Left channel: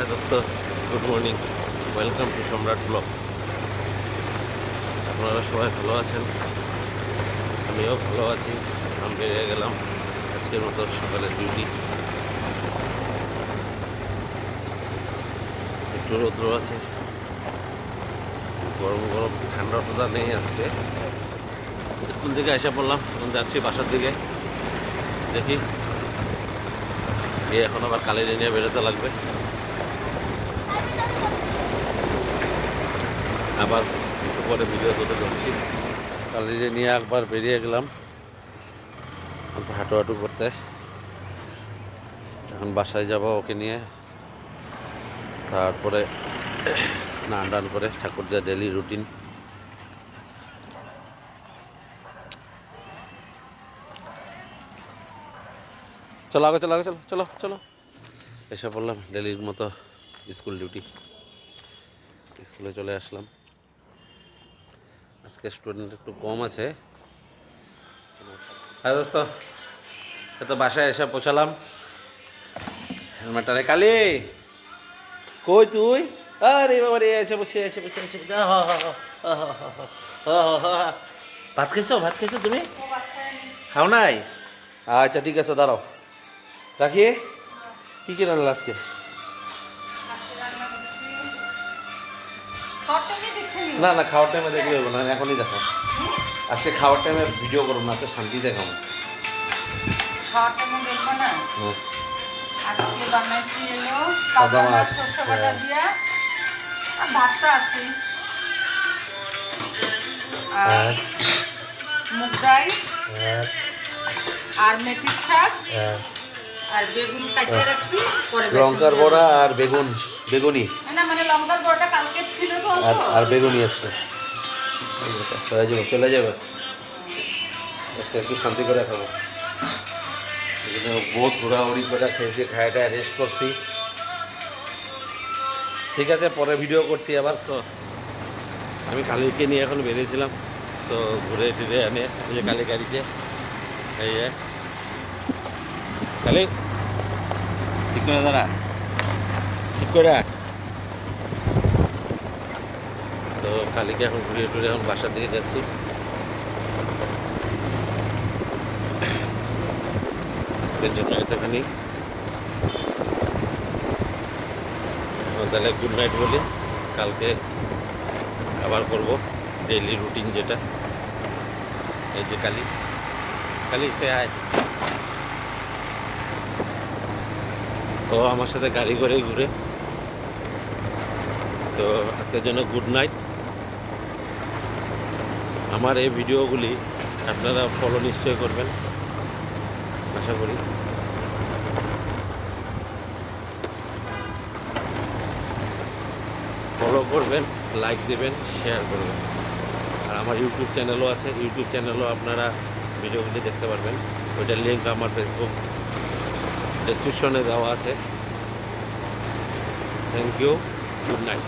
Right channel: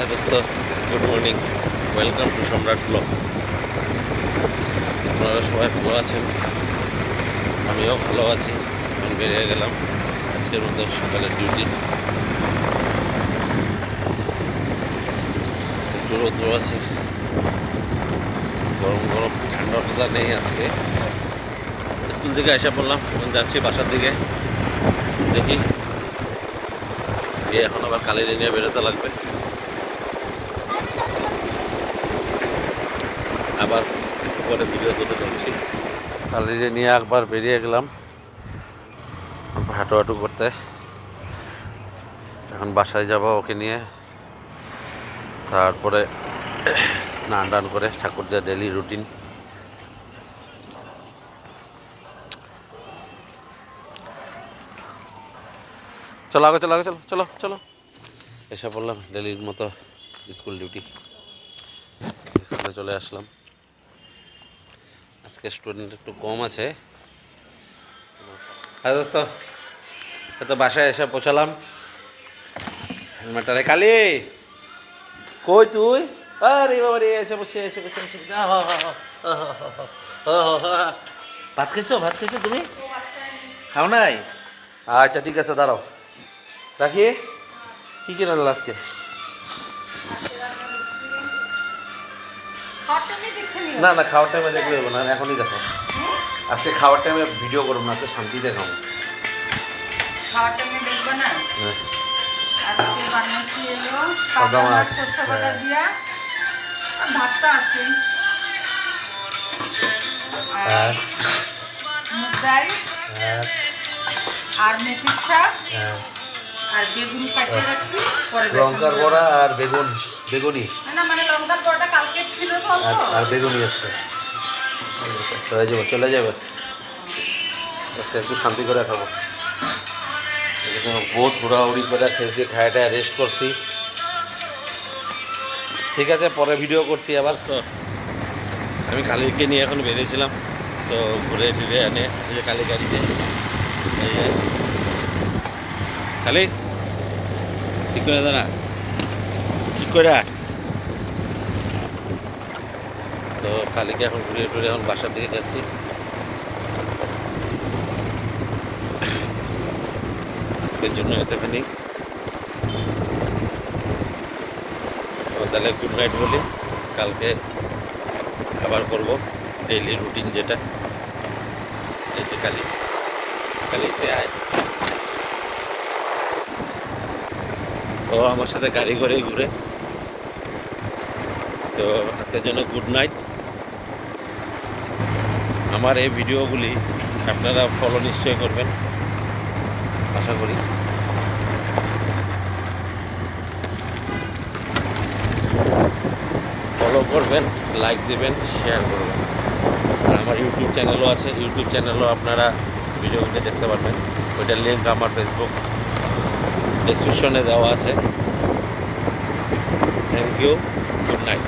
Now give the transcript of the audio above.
হ্যাঁ দোস্ত, good morning, welcome to সম্রাট ব্লগস। আপনারা সবাই ভালো আছেন, আমিও ভালো আছি। আমি বেরিয়ে গেলাম আজকের মতো সকালের ডিউটি। আজকে একটু রৌদ্র আছে, গরম গরম, ঠান্ডাটা নেই আজকে। স্কুল থেকে এসে পড়লাম, এখন যাচ্ছি বাসার দিকে। দেখি গিয়ে এখন আবার কালিরে নিয়ে বেরোতে লাগবে, আবার একটু পরে ভিডিও করতে চলছি। কালিরে নিয়ে একবার বেরিয়ে গেলাম হাঁটু করতে। এখন বাসায় যাব ওকে নিয়ে, তারপরে স্নান টান করে ঠাকুর যা ডেলি রুটিন। চলো আগে, চলো আগে, চলো চলো চলো। এসে পড়লাম ডেলির মতো স্কুল ডিউটি। স্কুলে চলে আসলাম। আজকে স্টুডেন্ট একটু কম আছে। হ্যাঁ দোস্ত, তো বাসায় এসে পৌঁছালাম। হেলমেটটা রে কালি, কই তুই? আরে বাবা রে, এসে বসে এসে বসে এসে বসে। ভাত খেয়েছো? ভাত খেয়েছো তুমি? খাও নাই? আচ্ছা ঠিক আছে, দাঁড়াও রাখি। কী কী রান্না আজকে? না না, খাওয়ার টাইমে দেখলে হলো না, এখনই দেখো। আজকে খাওয়ার টাইমে ভিডিও করবো না, আজকে শান্তিতে খাবো। হ্যাঁ, সাদা মাছ। হ্যাঁ, মুগ ডাল হ্যাঁ, আর মেথির শাক হ্যাঁ। আর বেগুন কাটিয়ে রাখছি পরে লঙ্কার বড়া আর বেগুনি না মানে লঙ্কার বড়াটা কালকে ছিল তো অল্প। আর বেগুনি আসছে। চলে যাবে আজকে একটু শান্তি করে খাবো। বহুত ঘোরাঘুরি করে খেয়েছি, খাইটা রেস্ট করছি। ঠিক আছে, পরে ভিডিও করছি আবার। তো আমি কালিকে নিয়ে এখন বেরিয়েছিলাম, তো ঘুরে ফিরে এনে কালি গাড়িতে এই কালি ঠিক করে দাঁড়া, ঠিক করে। তো কালিকে এখন ঘুরে ফিরে এখন বাসার দিকে যাচ্ছি। আজকের জন্য এতখানি, তাহলে গুড নাইট বলি। কালকে আবার করবো ডেইলি রুটিন যেটা। এই যে কালি সে আয়, ও আমার সাথে গাড়ি করেই ঘুরে। তো আজকের জন্য গুড নাইট। আমার এই ভিডিওগুলি আপনারা ফলো নিশ্চয় করবেন, আশা করি। ফলো করবেন, লাইক দেবেন, শেয়ার করবেন। আর আমার ইউটিউব চ্যানেলও আছে, ইউটিউব চ্যানেলও আপনারা ভিডিওগুলি দেখতে পারবেন। ওইটার লিঙ্ক আমার ফেসবুক ডেসক্রিপশনে দেওয়া আছে। Thank you, good night.